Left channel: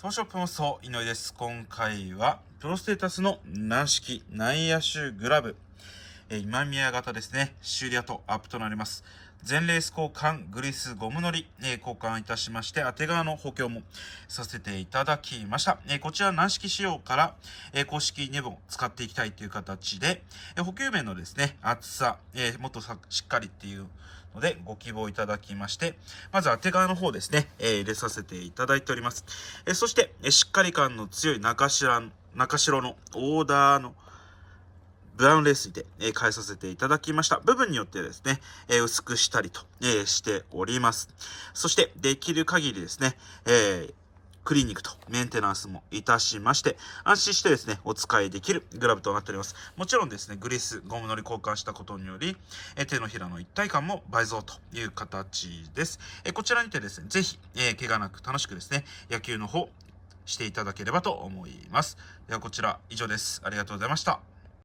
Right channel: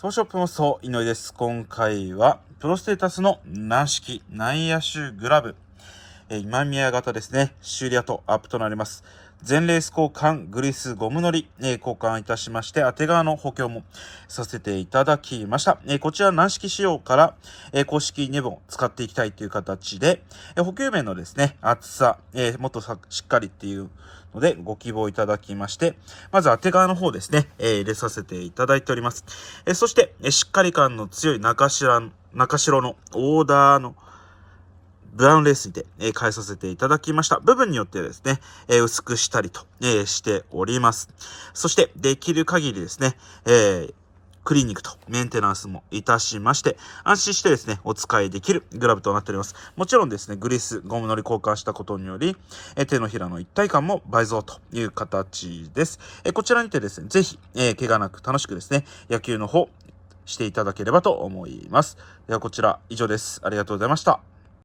装ショップもそう、井上です。今回は、プロステイタスの軟式内野手グラブ。今宮型ですね。修理後アップとなります。全レース交換、グリス、ゴムのり、交換いたしまして、当て革の補強もさせていただきました。こちら軟式仕様から、公式2本使っていきたいという形で、補給面のですね、厚さ、もっとしっかりっていうのでご希望いただきまして、まず当て革の方ですね、入れさせていただいております。そして、しっかり感の強い中白のオーダーのブラウンレースにて、変えさせていただきました。部分によってですね、薄くしたりと、しております。そして、できる限りですね、クリーニングとメンテナンスもいたしまして、安心してですね、お使いできるグラブとなっております。もちろんですね、グリス、ゴムのり交換したことにより、手のひらの一体感も倍増という形です。こちらにてですね、ぜひ、怪我なく楽しくですね、野球の方していただければと思います。ではこちら以上です。ありがとうございました。